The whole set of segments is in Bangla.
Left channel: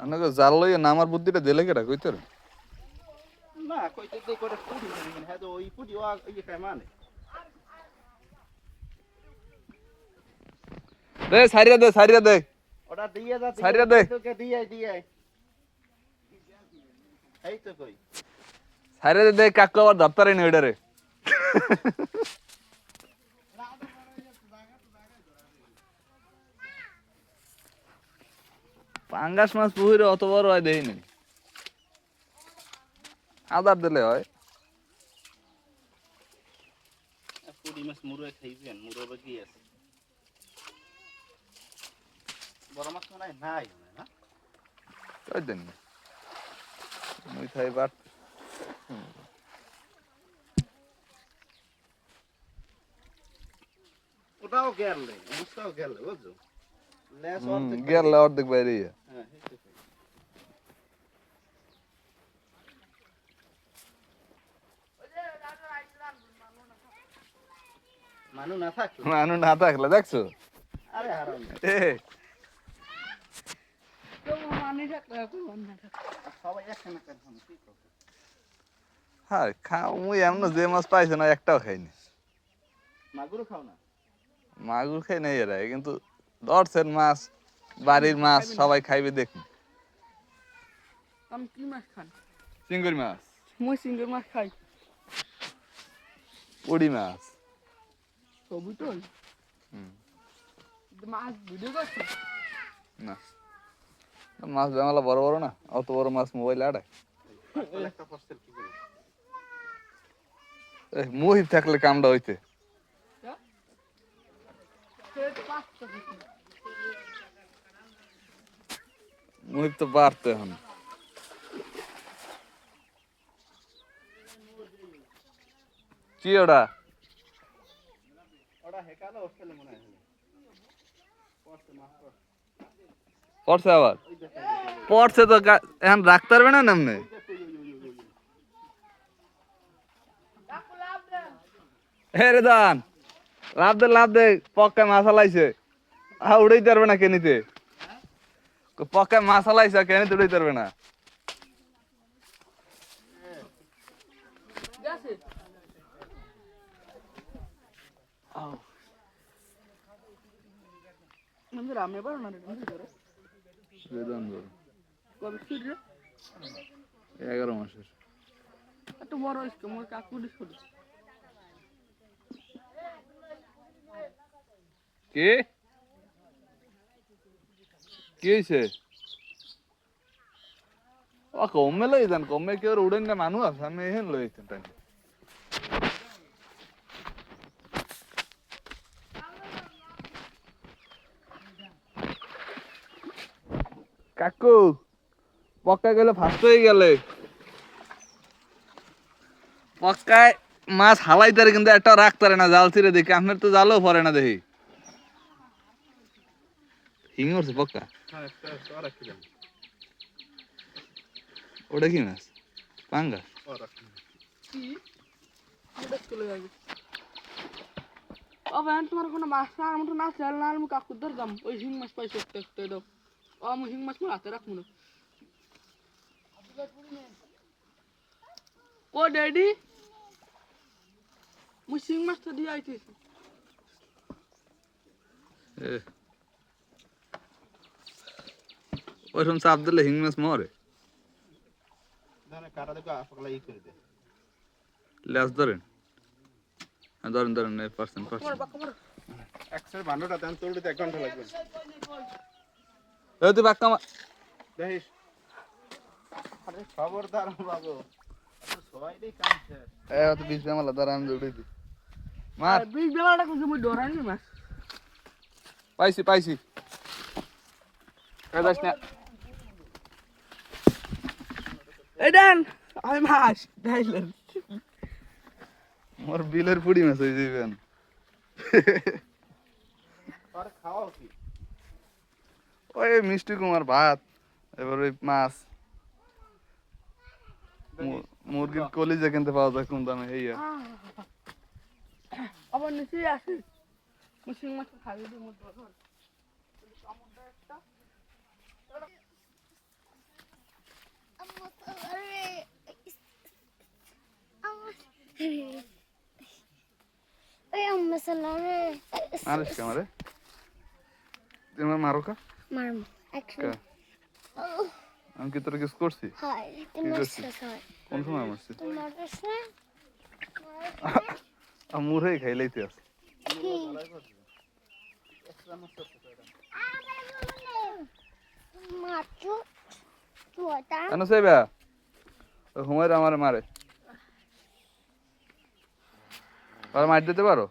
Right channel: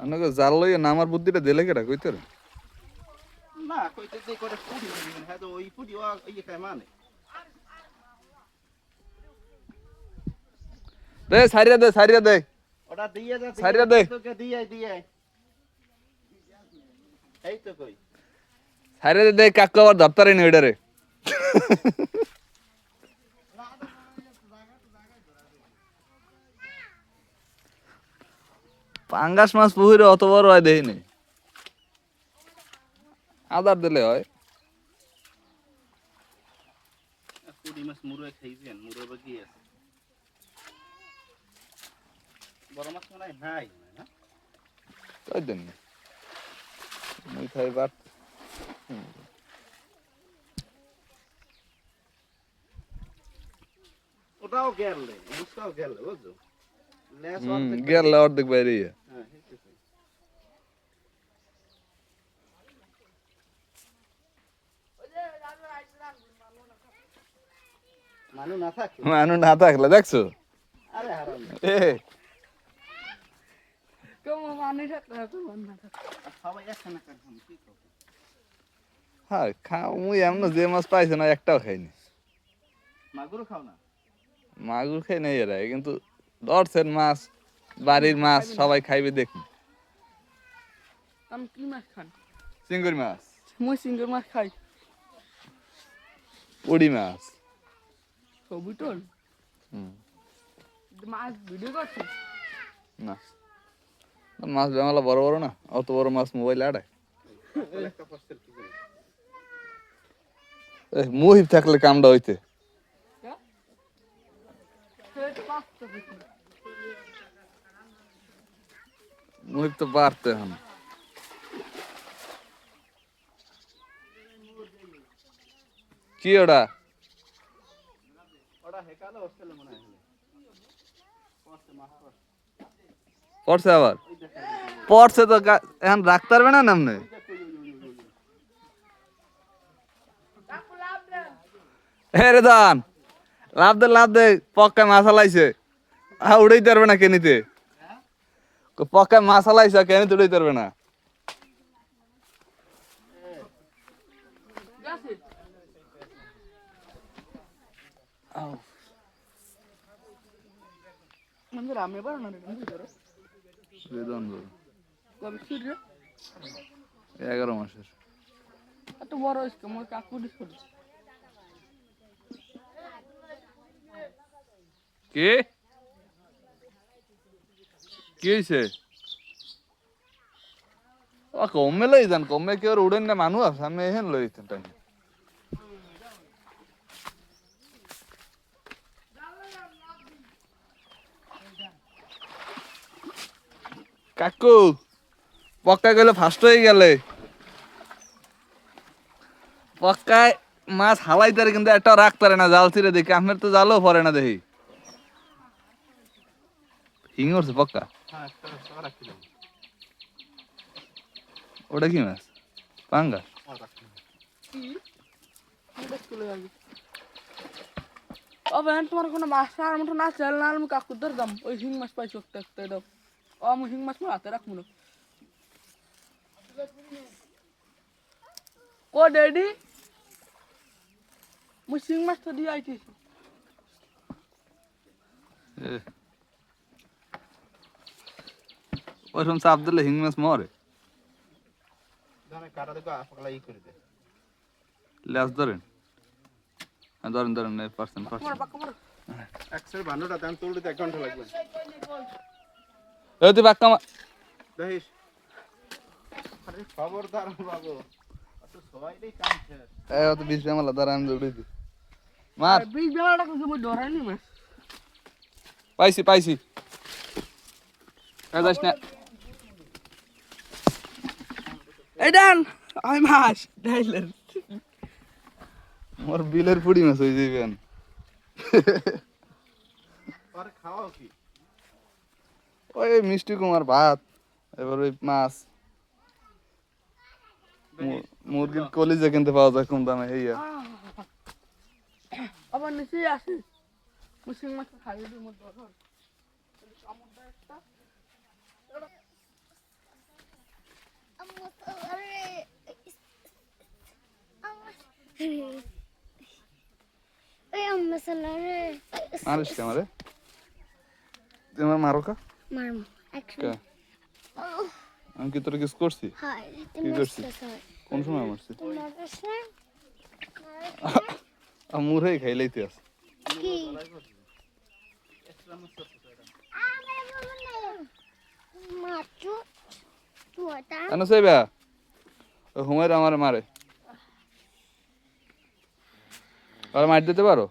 আপনাকে জাল লইয়া নামার বুদ্ধিটা দিলে কেটা কইতে না কইতে দে করে পুরি মানে হ্যাঁ তো ওই পুরি ও ইয়ে খায় মানে দে সারিয়া দে ওটা দিয়ে যা সারিয়া দে তোকে দিয়ে এই তো কই সারিয়া দে কাকু আবার ধরতারে নি ওইটারে পাঙ্গাস মাছ পুকুরে অত বড় হয় দেখি নাই আদার দিলে হয় পুরি মাছ মুরুয়ে খাইছেন মুরুয়ে বাকি আছে বড় মাছ মনে নাই না তাই দেন মুই খাই বাত ওটাও গেলে বুঝটাও গেলে বুঝছো লেস গেল অর্ধেক বাইরে হ্যাঁ মানু না থাকলে দেখছো আরে হারাম এ সবাই একখানা কারণ কি করবে হ্যাঁ খাও মুই এমন যে মাছ পাইছে না একটাও খাইনি মাগুর খাও না মাগুর খাই নাই এরা কিন্তু ধরছেন মাছ বাড়ির মাছ সবাই খাইবে দেখুন আমি কি মাছ খান চিংড়ি মাছ মুই চিংড়ি মাছ খাই উড়ি মাছ ছবি তোল মাছ ভিডিও করছে না মাছ জামালা বড় বড় না অত বড় মাছ মোবাইল আড়ায় একটা পার্সেল কি করে মুহিব থাকলে কামটা হইতে মুহিব তো বাড়তে এখন কি ওটা ওটা হেকালে হোস্টেলে মনে হয় পড়ছে আবার পড়ছে তো এখন রাখতে পারবে না নামনে রে দান লাভ দে পক্কায় মাছ হালাইছে উড়াইতে পারবে না কেনিতে পক্কায় মাছ হালাইছে কেনিতে উড়াইতে পারবে না রামে পারো না কবে ছিল 11 মাসের এত বড় হয়েছে আমার কাকুরি ছোট কি হয়েছে কমে লই যান কমে কেউ উড়েন না মানুষ আছে আমি এখন লই যেতাম কাকু পক্কা গেলে ফার্স্ট হয়ে গেলে পক্কায় মাছ হালাইতারে কিন্তু একটা রাখতারে না জাল ছিঁড়ে দেখি আপনার তো জালও পরে না দেখি হিং উঠছে পক্কা ওটা কি মাছ পাঙ্গা তোমার কোনো মাছ না আমার না চাল না আমি কাকুর দাম ওই হিং মাছ পাইছি একটা দাও আমি হিং মাছ হাতে রাখবো না ও ড্যাডি মুই শিং মাছ তো দিয়ে আইতেছি ওইরকম চাপ দিলে হিং মাছ মরে কাটা দেখো পাগলা ই করে দে লেজ ধরেন ধরেন পার্সেন্ট একশো বান্নটা দাম তোলতে 1 ঘন্টা লাগবে এই তুই বাক্কা দেখিস আরে খবরদার বাবু সবাইই কামছে তো 20 গ্রাম দাঁড়া আমি দৌড়ে দিই মার 20 বেলাটা কিছু মই ডরাইনি মাছ পাইছি যাস না এই ডান আমি মাছ ডাইলেন মোর বিলের পুড়ি মাছ হয়ে যাবেন আর খাও কি ওই মিষ্টি কুমার ভাত এবার ওই মাছ মুরগির কলিজা কিনতে পাওয়া যায় কম দামে হইয়া আবার নিচে আসে মুসিং মাছ খাইয়ে দিই মোর ডর মারিস কে আমারে? তুই আমার মারো কা? কে? আমি কি তোর কিস করছি? কি করছি? কোন সময় মারছি? মুড়ে খাইলাইতে আছে। কেন সেবা? ও হুমায়রা আমার মারে। আর মার দিতে পারো?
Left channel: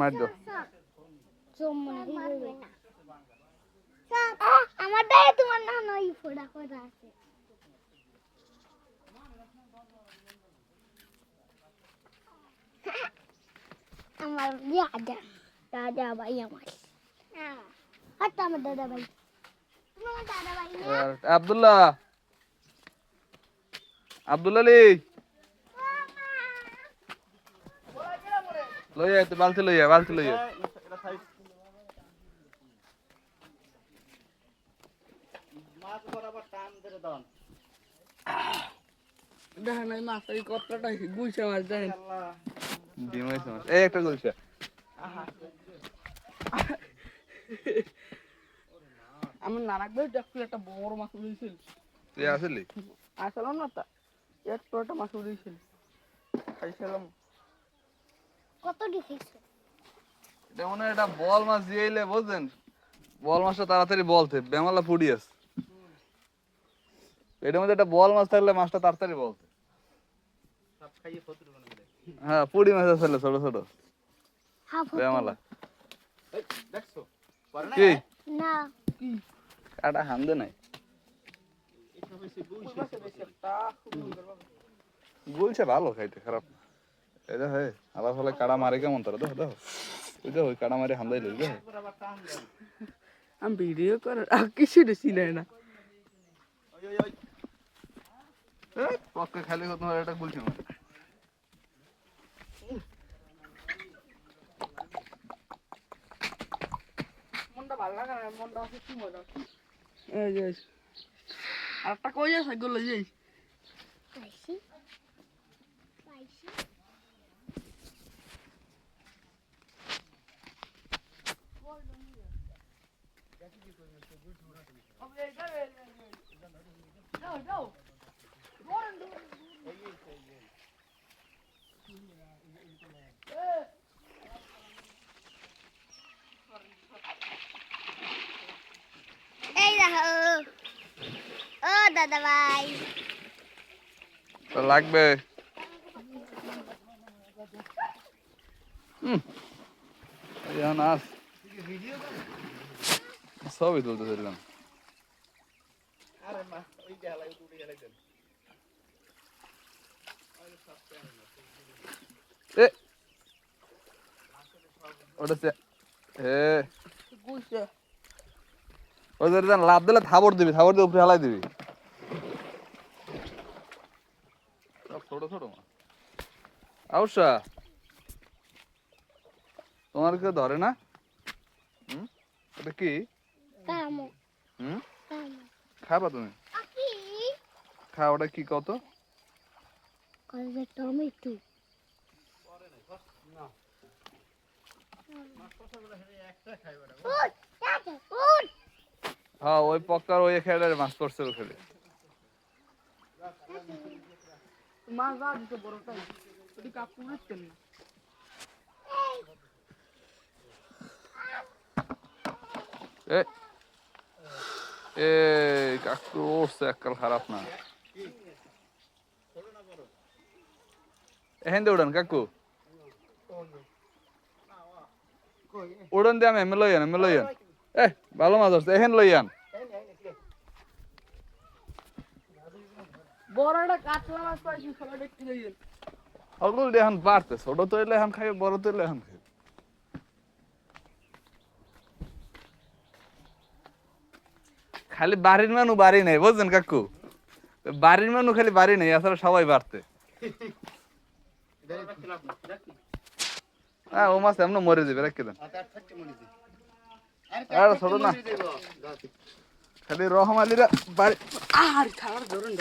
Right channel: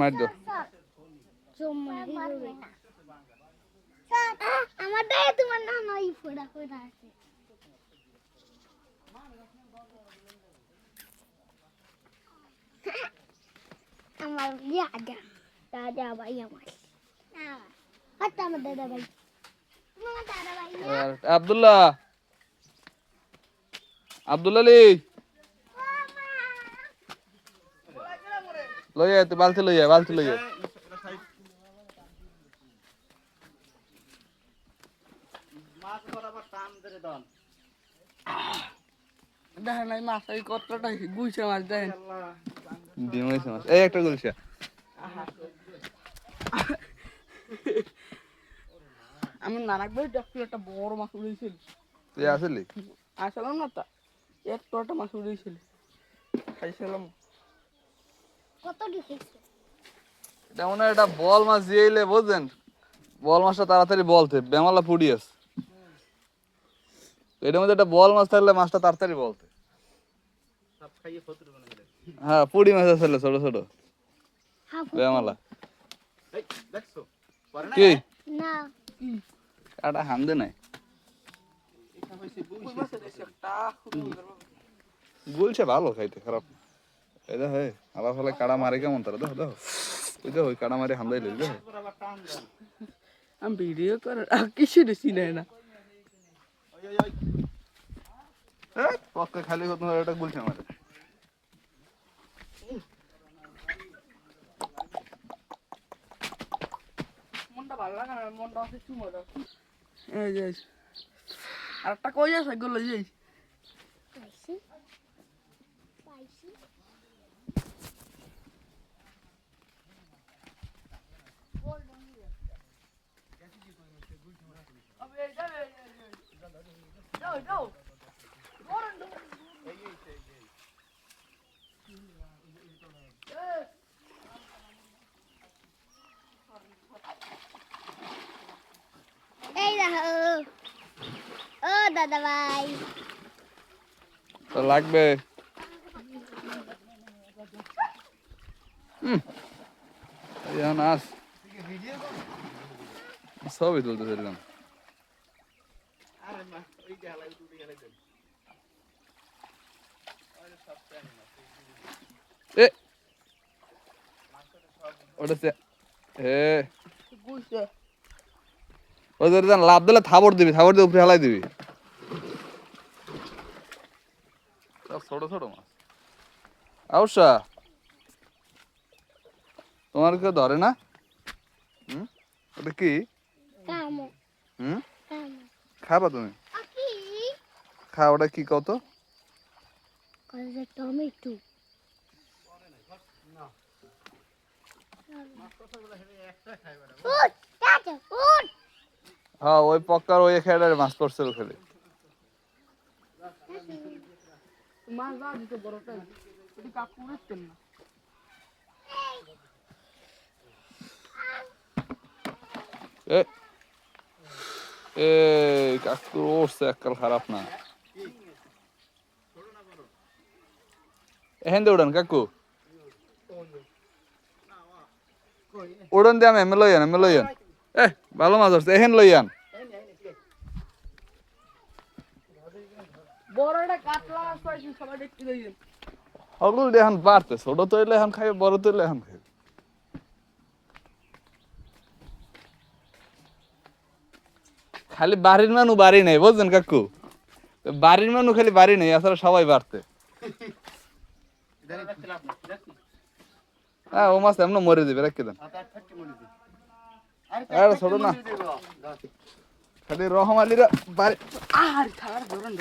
মার দাও। আমার দায়ে তোমার না নই ফোড়া ফোড়া আছে আমার দাদা ভাই আমার হাত আমার দাদা ভাই তোমার দাদা ভাই আব্দুল্লাহ আব্দুল আলী লইয়া তো বালতি লইয়া মাছ বরাবর টান ধরে দাও দেখেন এই মাছ এই কতটা গুইছে মাছ দেখেন ডিম হইছে মাছ এই একটা গুলশা আমি নানাকবে দেখছি একটা বড় মাছ উড়েছিল তুই আসলি আসলাম না তা একটু একটা মাছ উড়েছিল খাইছিলাম কত ঢুকেছে যেমন এটা বল মাছ দিয়েইলে বুঝছেন বল মাছটা তাড়াতাড়ি বলতে বেমালা পুড়ি আছে এটার মধ্যে একটা বল মাছ থাকলে মাছটা তাড়াতাড়ি বলতে সব খাইয়ে ফতুর বানাই দেয় হ্যাঁ পুড়ি মাছ আছে ছোট ছোট বেমালা এই দেখছো পরে না কি না কি কাটা হামদে নাই এটা হইছে দুই কই মাছ দেশে একটা গুলছে ভালো খাইতে খারাপ না এই দেখো আবার ফলে কাড়া মারে কেমন তারা দেখো দেখো ওই দেখো ওই কাড়া মারে হামদাই লইল দেখো বরাবর টান দাও আমি ভিডিও করে কিছু দেখছি না ওই এই পক্কা খালি হতো এটা গুলছে মারে মনটা ভালো লাগে না মনটা আছে কি মজা এই যে আর একটা কই আছে গুলো এই পাইছি পাইছি এই দেখো ও দাদা ভাই তো লাগবে নাচ সবই তুলতে ফেললাম আরে মা ওই গেলাই উঠে গেলাই দেন এ ওটা গুইছে ওদের লাভ দিলে থাবর দিবি থাবর দিয়ে উপরে হালাই দিবি ছোট ছোট মাছ আউসা তোমার কেউ ধরে না ওটা কি কামো হুম কামো খাবা তুমি কি খা ওটা কি কত কত টমেটো হ্যাঁ ওই পক্কার ওই খেলার মাছ পড়ছে ওখানে মাছ যা দিতে বড়টাই ওটি কাকু উঠতেন না এ এ কাকু উঠছে এককাল খারাপ না এখান দিয়ে উড়ান কাকু উড়ন দিয়ে আমি এমে লইয়ান এ ভালো মাছ আসছে এখান লইয়ান বড় একটা কাতলা মাছ পাইছি সবাই দেখতে যাইবেন সকল এখন বাড়তে ছোট তৈলে এখন খাবে বড় তৈলে এখন খাবে খালি বাড়ির মানু বাড়ি নেই বুঝছেন কাকু বাড়ির মানু খালি বাড়ি নেই আসলে সবাই বাড়তে হ্যাঁ ও মাছ এমন মরে যাবে রেখে দেন আরে ছোট না খালি রহমালিরা বাড়ি আর খাবার ধরুন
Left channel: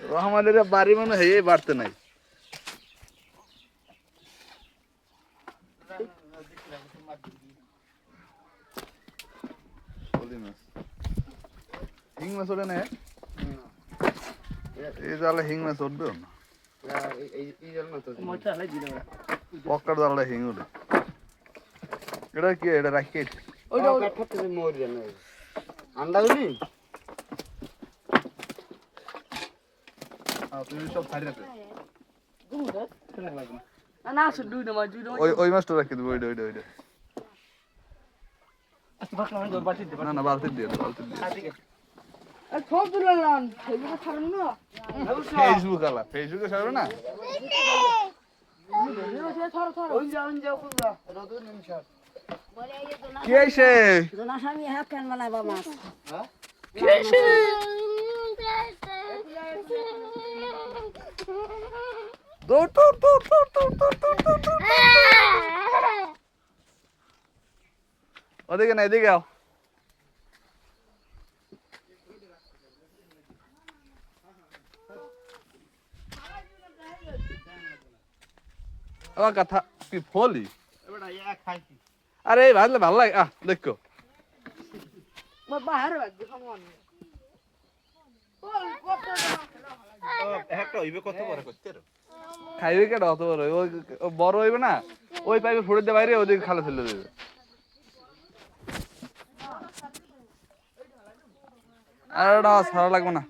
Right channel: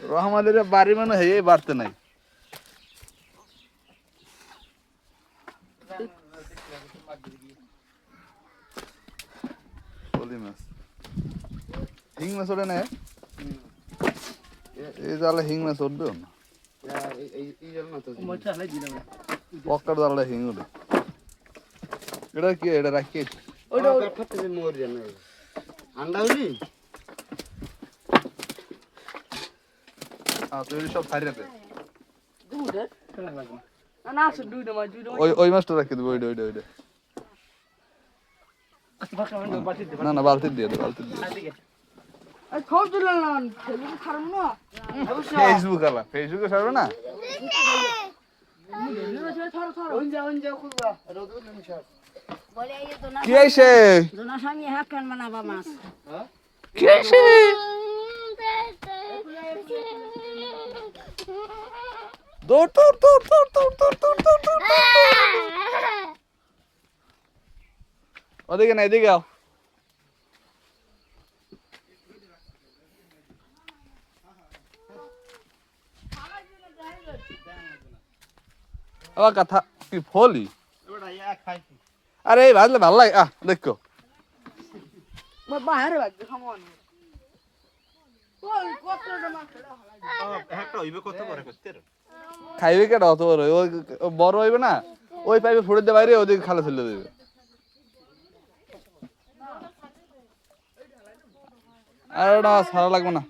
রহমালিরা বাড়ি মানে হয়ে বাড়তে নাই ফলি মাছ হিং মাছ ওঠে না এই জালে হিং মাছ উঠবেও না পকার জালে হিং উঠে এটা কি এটা রাখি তুমি সব ছাড়ি রাখবে দুটো না আছে দুটো মাছ দুটো ওই মাছটা রাখি দেবো ওইটা ওইটা ওইটা না না বালতি দিয়ে দে বালতি দিয়ে আর খাও দিলাম ফেসবুকে ছাড়ুন না ফেসবুক আলা ফেসবুকে ছাড়বে না ছাড়ো ছাড়ো কি আইছে কি আইছে দৌড় দৌড় দৌড় দৌড় দৌড় দৌড় দৌড় দৌড় দৌড় ওদিকে না এদিকে আও আবার কথা কি ফলি এবারে ইয়া খাইছি আরে এই ভাজলে ভালো লাগে দেখো বাইরে বাদ খামন ওই কত মাছ একটা হইবে কত করে করতে রে খাইবে কেটা অত বড় ওই বড় হইবে না ওই পাইপে ফুড়ে দে বাইরে ওদিকে খালে ফেলে দেবে আর ওটা সারা লাগবে না